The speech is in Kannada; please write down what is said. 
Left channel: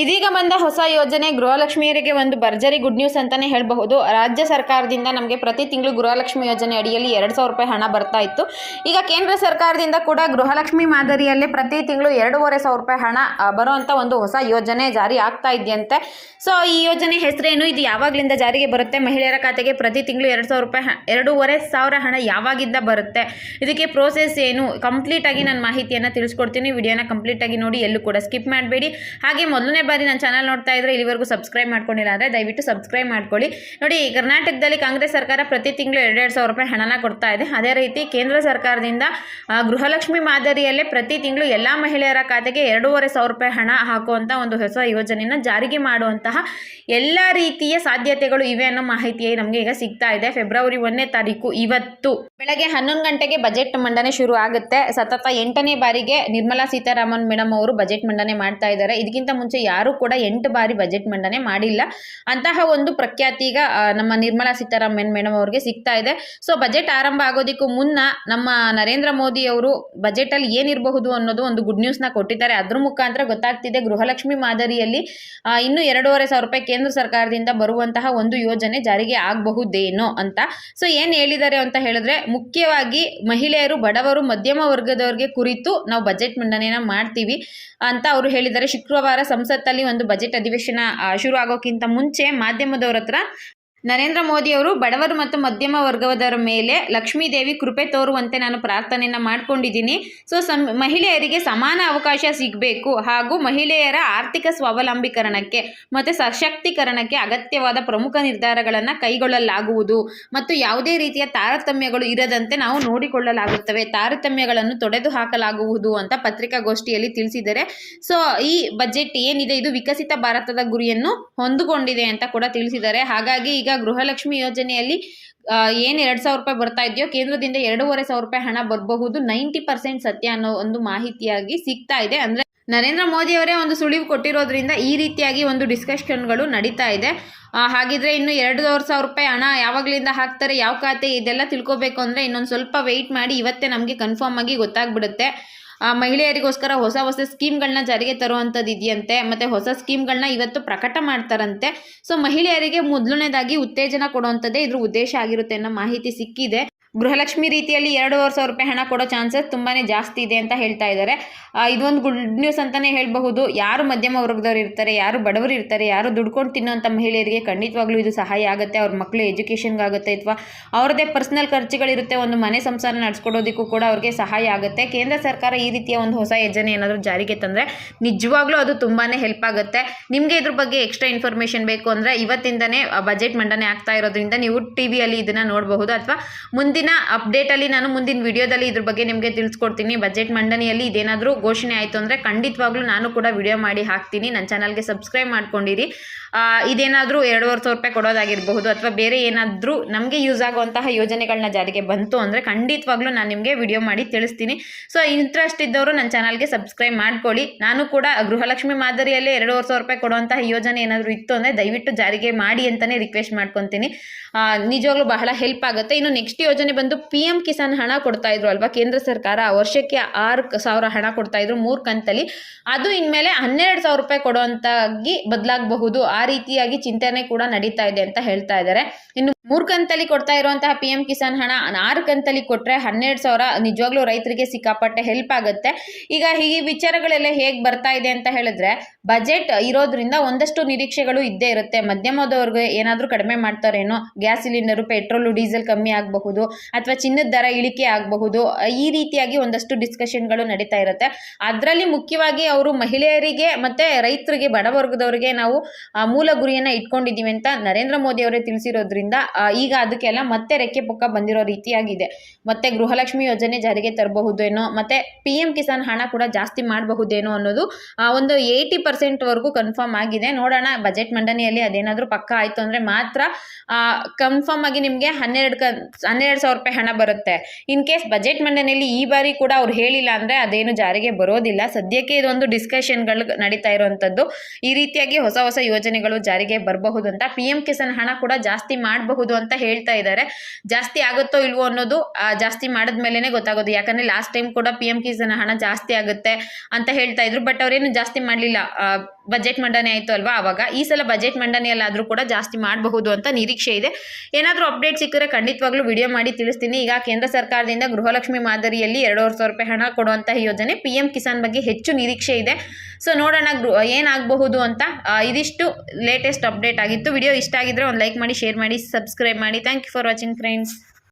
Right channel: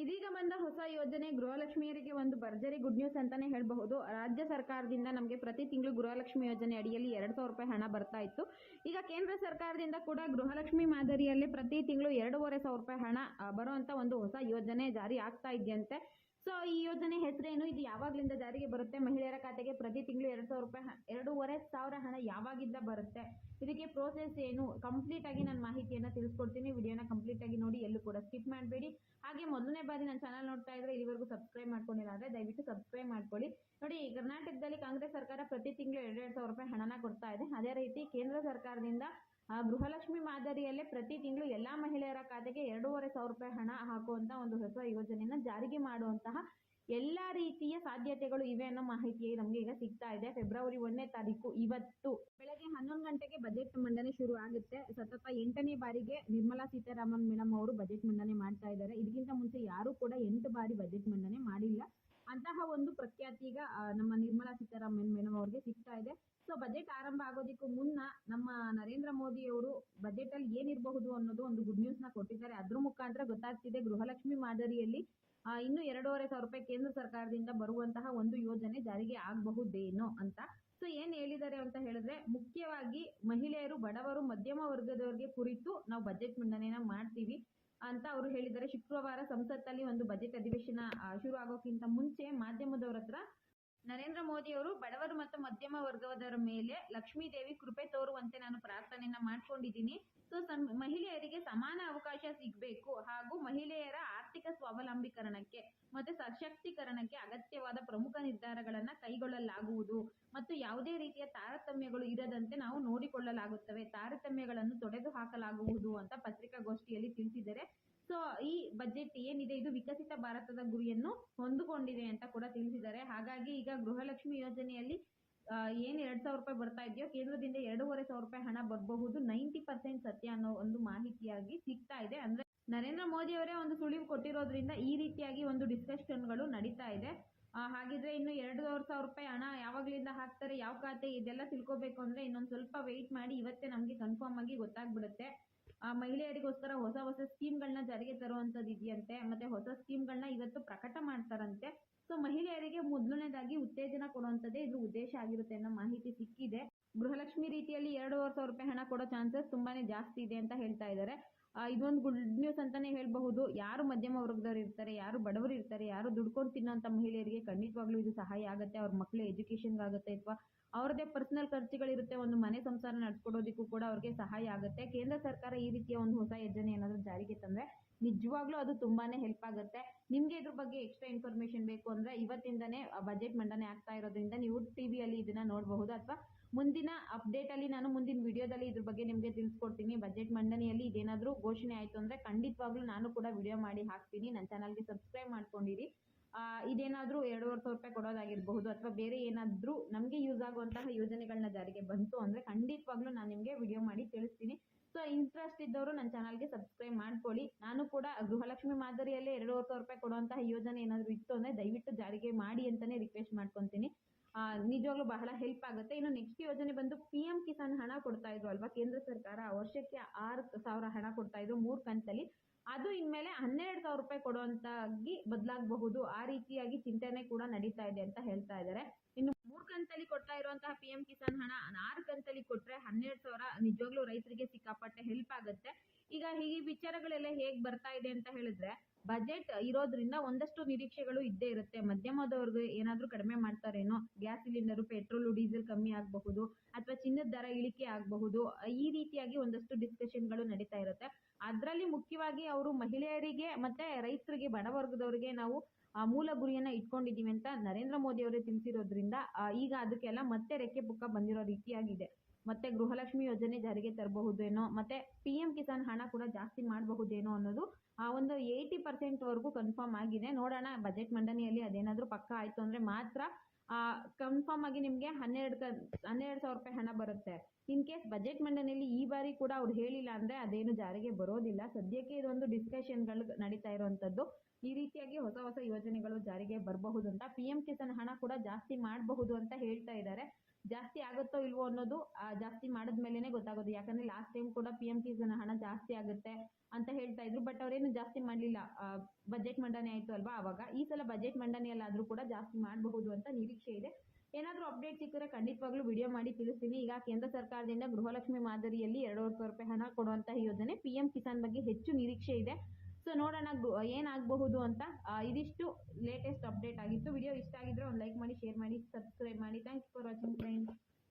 ಇದೀಗ ಬಂದ ಹೊಸ ಯೋಜನೆ ಗೃಹಲಕ್ಷ್ಮಿಯರಿಗೆ ಒಂದು ಭರ್ಜರಿ ಗುಡ್ ನ್ಯೂಸ್ ಅಂತಾನೆ ಹೇಳಬಹುದು. ರಾಜ್ಯ ಸರ್ಕಾರದಿಂದ ನಮಗೆ ಪ್ರತಿ ತಿಂಗಳು ಗೃಹಲಕ್ಷ್ಮಿ ಯೋಜನೆ ಅಡಿಯಲ್ಲಿ 2,000 ರೂಪಾಯಿ ಹಣ ಬರ್ತಾ ಇತ್ತು. ಈಗ ಕೇಂದ್ರ ಸರ್ಕಾರದಿಂದ ಕೂಡ ಗೃಹಲಕ್ಷ್ಮಿ ಮಾದರಿಯಲ್ಲಿ ಪ್ರತಿ ತಿಂಗಳು 2,500 ರೂಪಾಯಿ ಹಣ ಬರುವಂಥ ಒಂದು ಹೊಸ ಯೋಜನೆ ಜಾರಿ ಆಗ್ತಾ ಇದೆಯಂತೆ. ಸೊ ಈ ಯೋಜನೆ ಹೆಸರೇನು, ಇದು ಯಾವಾಗಲಿಂದ ಜಾರಿಗೆ ಬರುತ್ತೆ, ಮಹಿಳೆಯರ ಖಾತೆಗೆ ಪ್ರತಿ ತಿಂಗಳು 2,000 ರೂಪಾಯಿ 2,500 ಹಣ ಯಾವಾಗಿಂದ ಬರುತ್ತೆ, ಇದಕ್ಕೆ ಪ್ರೋಸೆಸ್ ಏನು, ಕಂಪ್ಲೀಟ್ ಆಗಿ ನಾನು ಮಾಹಿತಿಯನ್ನು ತಿಳಿಸ್ಕೊಡ್ತೀನಿ. ವಿಡಿಯೋನ ಕಂಪ್ಲೀಟ್ ಆಗಿ ನೋಡಿ, ಎಲ್ಲೂ ಕೂಡ ಸ್ಕಿಪ್ ಮಾಡಬೇಡಿ. ಹಾಗೆ ಮೊದಲನೇ ಬಾರಿ ನನ್ನ ಚಾನಲ್ ನೋಡ್ತಾ ಇದ್ರೆ ಇಲ್ಲಿವರೆಗೂ ಸಬ್ಸ್ಕ್ರೈಬ್ ಮಾಡ್ಕೊಂಡಿಲ್ಲ ಅಂದರೆ ದಯವಿಟ್ಟು ಸಬ್ಸ್ಕ್ರೈಬ್ ಮಾಡ್ಕೊಳ್ಳಿ. ನೋಡಿ, ಕರ್ನಾಟಕದಲ್ಲಿ ಕಾಂಗ್ರೆಸ್ ಸರ್ಕಾರ ಪ್ರತಿ ತಿಂಗಳು 2,500 ರೂಪಾಯಿ ಹಣನ ಕೊಡ್ತಾ ಇದೆ. ಅದೇ ರೀತಿ ಕೇಂದ್ರ ಸರ್ಕಾರದಿಂದ ಗೃಹಲಕ್ಷ್ಮಿ ಮಾದರಿಯಲ್ಲೇ ಪ್ರತಿ ತಿಂಗಳು ಎಲ್ಲ ಮಹಿಳೆಯರ ಖಾತೆಗೆ 2,500 ರೂಪಾಯಿ ಹಣ ಹಾಕುವಂಥ ಒಂದು ಹೊಸ ಯೋಜನೆಯನ್ನು ಜಾರಿಗೆ ಮಾಡುವಂತಹ ಎಲ್ಲ ರೀತಿಯ ಸಾಧ್ಯತೆಗಳು ಇವೆ ಅನ್ನೋ ಮಾಹಿತಿ ನಮಗೆ ಈಗ ಸಿಗ್ತಾ ಇದೆ. ಫೆಬ್ರವರಿ 1ನೇ ತಾರೀಕು ಇವತ್ತು ಬೆಳಗ್ಗೆ 11 ಗಂಟೆಗೆ ಬಜೆಟ್ ಮಂಡನೆ ಶುರು ಆಗುತ್ತೆ. ಸತತ 8ನೇ ಬಾರಿಗೆ ನಿರ್ಮಲಾ ಸೀತಾರಾಮನ್ ಮೇಡಮ್ ಅವರು ಬಜೆಟ್ ಮಂಡನೆ ಮಾಡ್ತಾ ಇದ್ದಾರೆ. ಇದಕ್ಕಿಂತ ಮುಂಚೆ ಯಾರು ಕೂಡ 8 ಬಾರಿ ಬಜೆಟ್ ಮಂಡನೆ ಮಾಡಿಲ್ಲ. ಅಂತಹ ಒಂದು ಪ್ರಖ್ಯಾತಿ ಈಗ ನಮ್ಮ ನಿರ್ಮಲಾ ಸೀತಾರಾಮನ್ ಮೇಡಮ್ ಅವರಿಗೆ ಸಿಗ್ತಾ ಇದೆ. ಸೊ ಬಜೆಟ್ ಆರಂಭ ಆಗೋದಕ್ಕೂ ಮುನ್ನ ನಮ್ಮ ನರೇಂದ್ರ ಮೋದಿ ಅವರು ಬಜೆಟ್ ಅಲ್ಲಿ ಏನಿರಬಹುದು ಅನ್ನೋದು ಒಂದು ಗುಡ್ ನ್ಯೂಸ್ ನ ಕೊಟ್ಟಿದ್ದಾರೆ. ಅದ್ರ ಮುಖಾಂತರ ಗೊತ್ತಾಗ್ತಿದೆ ಗೃಹಲಕ್ಷ್ಮಿ ಮಾದರಿಯಲ್ಲಿ ಇನ್ನು 2,500 ರೂಪಾಯಿ ಕೇಂದ್ರ ಸರ್ಕಾರದಿಂದ ಬರುವಂತಹ ಒಂದು ಯೋಜನೆ ಜಾರಿಗೆ ಆಗಬಹುದೇನೋ ಅಂತ. ಸೊ ಏನ್ ಹೇಳಿದ್ದಾರೆ ಅಂತ ಹೇಳಿದ್ರೆ, ಮುಖ್ಯವಾಗಿ ಮಹಿಳೆಯರು, ಬಡವರು, ಮಧ್ಯಮ ವರ್ಗದವರಿಗೆ ಕುರಿತು ನಾವು ಬಜೆಟ್ ಮಂಡನೆಯನ್ನ ಮಾಡ್ತೀವಿ ಅಂತ ಅವರು ಹೇಳಿದ್ದಾರೆ. ಶುಕ್ರವಾರ ಸಂಸತ್ತಲ್ಲಿ ಒಂದು ಬಜೆಟ್ ಅಧಿವೇಶನ ಶುರು ಆಗೋಕ್ಕಿಂತ ಮುಂಚೆ ಮಾಧ್ಯಮದವರ ಹತ್ರ ನರೇಂದ್ರ ಮೋದಿ ಅವರು ಬಡವರು ಮತ್ತು ಮಧ್ಯಮ ವರ್ಗದವರ ಮೇಲೆ ಲಕ್ಷ್ಮೀ ದೇವಿ ಕೃಪೆ ತೋರುವಂತೆ ನಾನು ಪ್ರಾರ್ಥನೆಯನ್ನು ಮಾಡ್ಕೊಂಡಿದ್ದೀನಿ. ಸೊ ಮಹಿಳೆಯರಿಗೆ ಸಮಾನ ಅವಕಾಶ ಸಿಗಬೇಕು ಹಾಗೂ ಮಹಿಳೆಯರ ಆರ್ಥಿಕ ಸ್ವಾವಲಂಬೀಕರಣಕ್ಕೆ ಮತ್ತು ಸಶಕ್ತೀಕರಣಕ್ಕೆ ಅಗತ್ಯವಾದ ಪ್ರಮುಖ ನಿರ್ಧಾರಗಳನ್ನು ಕೈಗೊಳ್ಳಲಾಗುವುದು ಮತ್ತು ಯಾವುದೇ ರೀತಿಯ ತಾರತಮ್ಯಗಳು ಇರದಂತೆ ನಾವು ನೋಡಿಕೊಳ್ಳಲಾಗುತ್ತವೆ, ತಾರತಮ್ಯಗಳನ್ನು ತೊಡೆದು ಹಾಕಲಾಗುವುದು ಅಂತ ಪತ್ರಿಕಾಗೋಷ್ಠಿಯಲ್ಲಿ ತಿಳಿಸಿದ್ದಾರೆ. ಸೊ ಈ ಬಜೆಟ್ ಏನಿದೆ ಇದು ವಿಕಸಿತ ಭಾರತದ ಗುರಿಯನ್ನು ಹೊಂದಿಕೊಂಡಿದೆ ಅಂತ ಕೂಡ ತಿಳಿಸಿದ್ದಾರೆ. ಹಾಗಾಗಿ ಈಗ ಗೃಹಲಕ್ಷ್ಮಿ ಯೋಜನೆಯಲ್ಲಿ ಏನು 2,000 ರೂಪಾಯಿ ಬರ್ತಾ ಇದೆಯೋ ಕೇಂದ್ರದಿಂದ 2,500 ರೂಪಾಯಿ ಹಣ ಬರಬಹುದು 90% ಸತ್ಯ ಅನ್ನೋ ಒಂದು ಮಾಹಿತಿಯಾಗಿ ಸಿಗ್ತಾ ಇದೆ. ಅಂದ್ರೆ ನರೇಂದ್ರ ಮೋದಿ ಅವರೇ ಒಂದು ಸುಳಿವು ಕೊಟ್ಟಿರೋದ್ರಿಂದ ಈ ರೀತಿಯಾಗಿ ಒಂದು ಡಿಸ್ಕಷನ್ಗಳು ನಡೀತಾ ಇದೆ. ಹಾಗಿದ್ರೆ ಇನ್ನು 2,500 ರೂಪಾಯಿ ಹಣ ಯಾವಾಗಲಿಂದ ಹಾಕ್ತಾರೆ, ಯಾವ ಖಾತೆ, ಇದೆಲ್ಲ ತಿಳ್ಕೊಬೇಕು ಅಂದರೆ ಇನ್ನೊಂದು ಸ್ವಲ್ಪ ವೆಯ್ಟ್ ಮಾಡಿ. ಇವತ್ತೇ ನಮಗೆ ಕನ್ಫರ್ಮ್ ಆಗಿ ಗೊತ್ತಾಗ್ಬಿಡುತ್ತೆ. ಮಹಿಳೆಯರಿಗೋಸ್ಕರ ಹೊಸ ಸ್ಕೀಮ್ಗಳನ್ನ ಜಾರಿಗೆ ತರುವಂಥದ್ದು ಇದೆಯಂತೆ, ಮತ್ತು ಹೊಸ ಸ್ಕೀಮ್ಗಳನ್ನ ಇವತ್ತು ಪ್ರಕಟ ಮಾಡ್ತಾರಂತೆ. ಸೊ ಮಹಿಳೆಯರಿಗೆ ಮೊದಲನೇದಾಗಿ ಉತ್ತೇಜನ ಕೊಡುವಂಥದ್ದೇ ಇದ್ರ ಉದ್ದೇಶ ಆಗಿರುತ್ತೆ ಅನ್ನೋ ಮಾಹಿತಿ ಸಿಕ್ಕಿದೆ. ಗೃಹಲಕ್ಷ್ಮಿ ರೀತಿಯಲ್ಲಿ 2,500 ರೂಪಾಯಿ ಹಣ ಕೊಡೋ ಚಾನ್ಸಸ್ ತುಂಬಾ ಜಾಸ್ತಿ ಇದೆ ಅಂತ ಹೇಳ್ತಾ ಇದ್ದಾರೆ. ಇದೊಂದು ಗುಡ್ ನ್ಯೂಸ್ ಅಂತಲೇ ಹೇಳಬಹುದು. ಯಾರು ಮಧ್ಯಮ ವರ್ಗದವ್ರು ಇರ್ತಾರೆ, ಯಾರು ಬಡವರು ಇರ್ತಾರೆ, ಯಾರು ದುಡ್ಕೊಂಡು ತಿನ್ನೋಂಥ ಮಹಿಳೆಯರಿಗೆ ಖಂಡಿತವಾಗ್ಲೂ ಇದು ಸಹಾಯ ಆಗುತ್ತೆ. ಅವ್ರ ಮಕ್ಕಳು ಎಜುಕೇಷನ್ಗಾಗುತ್ತೆ ಅಥವಾ ಅವ್ರದ್ದೇ ಪರ್ಸ್ನಲ್ ಖರ್ಚುಗಳಿರುತ್ತೆ, ಒಂದು ಮನೆ ಸಂಸಾರ ನಡೆಸ್ಕೊಡೋದಕ್ಕೂ ಕೂಡ ಅವ್ರಿಗೆ ಸಹಾಯ ಆಗುತ್ತೆ. ಕೇಂದ್ರ ಸರ್ಕಾರ ಈ ರೀತಿಯ ಒಂದು ಹೊಸ ಯೋಜನೆ ಏನಾದರೂ ಜಾರಿಗೆ ತಂದರೆ ನಿಜವಾಗ್ಲೂ ಅದು ತುಂಬಾ ಹೆಲ್ಪ್ ಆಗುತ್ತೆ. ನಿಮಗೆ ಇದ್ರ ಬಗ್ಗೆ ಎಕ್ಸ್ಟ್ರಾ ಇನ್ಫಾರ್ಮೇಷನ್ ಬೇಕು ಅಂದರೆ ಇವತ್ತಿಂದನೇ ಬಜೆಟ್ ಮಂಡನೆ ಆಗ್ತಾ ಇರೋದ್ರಿಂದ ನೀವು ಟಿವಿಯಲ್ಲಿ ಇದನ್ನು ನೋಡಬಹುದು, ಅಥವಾ ಮುಂದಿನ ಅಪ್ಡೇಟಲ್ಲಿ ನಾನು ಮುಂದಿನ ವಿಡಿಯೋದಲ್ಲಿ ಇದ್ರ ಬಗ್ಗೆ ನಿಮಗೆ ತಿಳಿಸ್ಕೊಡ್ತೀನಿ. ಬಜೆಟ್ ಮಂಡನೆಯಲ್ಲಿ ಇದೇನಾದರೂ ಘೋಷಣೆ ಆಯಿತು ಅಂದರೆ ಖಂಡಿತವಾಗ್ಲೂ ನಾನು ಕೂಡ ವಿಡಿಯೋ ಮಾಡಿ ಹಾಕ್ತೀನಿ. ನನ್ನ ಚಾನಲ್ಗೆ ಸಬ್ಸ್ಕ್ರೈಬ್ ಮಾಡ್ಕೊಂಡಿರಿ. ಇದೇನಾದರೂ 2,500 ರೂಪಾಯಿ ಕೊಡೋದಾಗಿರಬಹುದು ಅಥವಾ ಬೇರೆ ಏನಾದರೂ ನಮಗೆ ಯೂಸ್ ಆಗುವಂತಹ ಯೋಜನೆಗಳನ್ನ ಜಾರಿಗೆ ಬಂತು ಅಂದರೆ ಖಂಡಿತವಾಗ್ಲೂ ನಾನು ನಿಮಗೆ ವಿಡಿಯೋ ಮಾಡಿ ತಿಳಿಸ್ತೀನಿ. ಸೊ ಇಂಟ್ರೆಸ್ಟ್ ಇದ್ದವರು ನನ್ನ ಚಾನಲ್ಗೆ ಸಬ್ಸ್ಕ್ರೈಬ್ ಮಾಡ್ಕೊಳ್ಳಿ. ನಾನು ಕೂಡ ಗೃಹಲಕ್ಷ್ಮಿ ಮಾದರಿಯಲ್ಲೇ 2,500 ರೂಪಾಯಿ ಕೊಡುವಂತಹ ಯೋಜನೆ ಏನಾದರೂ ಇತ್ತು ಅಂದರೆ ದಯವಿಟ್ಟು ಜಾರಿಗೆ ಮಾಡಿ ಅಂತಲೇ ರಿಕ್ವೆಸ್ಟ್ ಮಾಡ್ಕೊತೀನಿ. ನಿಜವಾಗ್ಲೂ ಬಹಳ ಹೆಲ್ಪ್ ಆಗುತ್ತೆ. ಇನ್ನು ನೆಕ್ಸ್ಟ್ ಯೋಜನೆ ಬಂದು PM ಕಿಸಾನ್ ಹಣ ಕೊಡ್ತಾ ಇದ್ರು ಅಲ್ವಾ ಕೇಂದ್ರ ಸರ್ಕಾರ, ವರ್ಷಕ್ಕೆ 6,000 ಹಣ ಕೊಡ್ತಾ ಇದ್ರು 3 ಕಂತಲ್ಲಿ. ಅದು ಇನ್ಮೇಲೆ 12,000 ರೂಪಾಯಿ ಕೊಡುವಂತಾಗಿ ಬದಲಾಗಬಹುದು. ಆ ರೀತಿಯಾಗಿ ಚಿಂತನೆ ಕೂಡ ನಡೀತಾ ಇದೆ ಅಂತ ಹೇಳ್ತಾ ಇದ್ದಾರೆ. ಇನ್ನು 3 ಕಂತಲ್ಲಿ ಕೊಡ್ತಾ ಇರುವಂತಹ PM ಕಿಸಾನ್ ಹಣ 6 ಕಂತಲ್ಲಿ ಕೊಟ್ಟರೆ 12,000 ನಿಜವಾಗ್ಲೂ ರೈತರಿಗೆ ಸಿಕ್ಕಾಪಟ್ಟೆ ಹೆಲ್ಪ್ ಆಗುತ್ತೆ. ಈಗ ಈ ವಿಚಾರಗಳೆಲ್ಲ ಹೇಗೆ ಬರ್ತಾ ಇದೆ ಅಂತ ಹೇಳಿದ್ರೆ, ಬಜೆಟ್ ಇರೋದ್ರಿಂದ ಒಂದಷ್ಟು ನಿರೀಕ್ಷೆಗಳು ಇದ್ದೇ ಇರುತ್ತೆ. ಮಧ್ಯಮದವ್ರಿಗೆ ಏನಾದರೂ ಕಡಿಮೆ ಮಾಡ್ತಾರೇನೋ, ಗ್ಯಾಸ್ ಸಿಲಿಂಡರು, ಪೆಟ್ರೋಲು, ಡೀಸೆಲ್ ಕಮ್ಮಿ ಆಗಬಹುದು ಅಥವಾ ಚಿನ್ನದ ದರ ಇಳಿಕೆ ಆಗಬಹುದು, ಈ ರೀತಿಯಾಗಿ ಒಂದಷ್ಟು ಡಿಸ್ಕಷನ್ಗಳು ನಡೀತಾ ಇರುತ್ತೆ. ಅದರಲ್ಲಿ ಮುಖ್ಯವಾಗಿ ಅವರು ಮಹಿಳೆಯರಿಗೆ ಮತ್ತು ರೈತರಿಗೆ, ಬಡವರ್ಗದವರಿಗೆ ನಾವು ಮೂಲ ಗುರಿಯನ್ನು ಇಟ್ಕೊಂಡಿದ್ದೀವಿ ಅಂತ ನರೇಂದ್ರ ಮೋದಿ ಅವರೇ ತಿಳಿಸಿರೋದ್ರಿಂದ ಈಗ ಅದಕ್ಕೆಲ್ಲ ಮತ್ತೆ ರೆಕ್ಕೆ ಪುಕ್ಕ ಬಂದಿರೋ ರೀತಿಯಾಗಿದೆ. ಮತ್ತೆ ಗೃಹಲಕ್ಷ್ಮಿ ಯೋಜನೆ ಜಾರಿಗೆ ತರಬಹುದೇನೋ, ಮತ್ತೆ PM ಕಿಸಾನ್ ಹಣ ಕೂಡ ಜಾಸ್ತಿ ಮಾಡಬಹುದೇನೋ ಅನ್ನೋದು ಒಂದು 80% ವರೆಗೂ ಕನ್ಫರ್ಮ್ ಆಗಿದೆ. ನೋಡೋಣ ಬಜೆಟ್ ಮಂಡನೆಯಲ್ಲಿ ಅದೇನಾದರೂ ಪಕ್ಕ ಆಯಿತು ಅಂದರೆ ಮಾತ್ರ ಕನ್ಫರ್ಮ್ ಆಗಿ ನಿಮಗೆ 12,000 ರೂಪಾಯಿ ಹಣ ಬರುತ್ತೆ. ಇನ್ ಕೇಸ್ ಬಜೆಟ್ ಮಂಡನೆಯಲ್ಲಿ ಈ ಬಾರಿ ಕೂಡ ಅವ್ರು ಹೇಳಿಲ್ಲ ಅಂದರೆ ಅದೇನು ಜಾರಿಗೆ ಬರೋದಿಲ್ಲ. ಸದ್ಯಕ್ಕೆ ಇದೊಂದು ಡಿಸ್ಕಷನ್ಗಳು ನಡೀತಾ ಇರುವಂಥದ್ದು. ಈ ರೀತಿಯಾಗಿ ಹೊಸ ಯೋಜನೆಗಳು ಜಾರಿಗೆ ಬರಬಹುದು ಅಂತ. PM ಕಿಸಾನ್ ಹಣ ಕೂಡ ಜಾಸ್ತಿ ಮಾಡಬಹುದು ಮಾಡಬಹುದು ಅಂತ ಹೇಳ್ತಾ ಇದ್ದಾರೆ. ಜಾಸ್ತಿ ಆಗುತ್ತೋ ಇಲ್ವೋ ಅನ್ನೋದು ಜಾಸ್ತಿ ಮಾಡಿದ್ಮೇಲೆ ಗೊತ್ತಾಗೋದು. ಯಾಕಂದರೆ ಲಾಸ್ಟ್ ಟೈಮ್ ಕೂಡ PM ಕಿಸಾನ್ ಹಣ ಜಾಸ್ತಿ ಆಗುತ್ತೆ ಅಂತ ಹೇಳ್ತಾ ಇದ್ರು. ಬಟ್ ಅವರೇನು ಜಾಸ್ತಿ ಮಾಡಲಿಲ್ಲ. ಬಜೆಟ್ ಮಂಡನೆ ಆಯಿತು ಅಲ್ವಾ, ಆವಾಗ ಈ ಸಲ ಬಜೆಟ್ ಮಂಡನೆಯಲ್ಲಾದರೂ ಕೂಡ ಜಾಸ್ತಿ ಮಾಡಬಹುದು ಅಂತ ನಿರೀಕ್ಷೆ ಇದೆ. ಏನಾದರೂ ಅಪ್ಡೇಟ್ ಸಿಕ್ಕರೆ ಖಂಡಿತವಾಗ್ಲೂ ವಿಡಿಯೋ ಮಾಡಿ ತಿಳಿಸ್ತೀನಿ. ಈಗ ಕೇಂದ್ರ ಸರ್ಕಾರದಿಂದ ಗೃಹಲಕ್ಷ್ಮಿ ಮಾದರಿಯಲ್ಲಿ 2,500 ರೂಪಾಯಿ ಹಣ ಕೊಡುವಂಥ ಯೋಜನೆ PM ಕಿಸಾನ್ ಬಗ್ಗೆ ಹೆಚ್ಚು ನಿರೀಕ್ಷೆ ಇದೆ. ಸೊ ನೋಡೋಣ ಏನಾಗಬಹುದು ಅಂತ. ಇದಿಷ್ಟು ಲೇಟೆಸ್ಟ್ ಅಪ್ಡೇಟ್ ಆಗಿತ್ತು. ವಿಡಿಯೋ ಇಷ್ಟ ಆಗಿದ್ರೆ ಒಂದು ಲೈಕ್ ಮಾಡಿ, ಶೇರ್ ಮಾಡಿ, ಸಬ್ಸ್ಕ್ರೈಬ್ ಮಾಡಿ. Thank you for watching friends.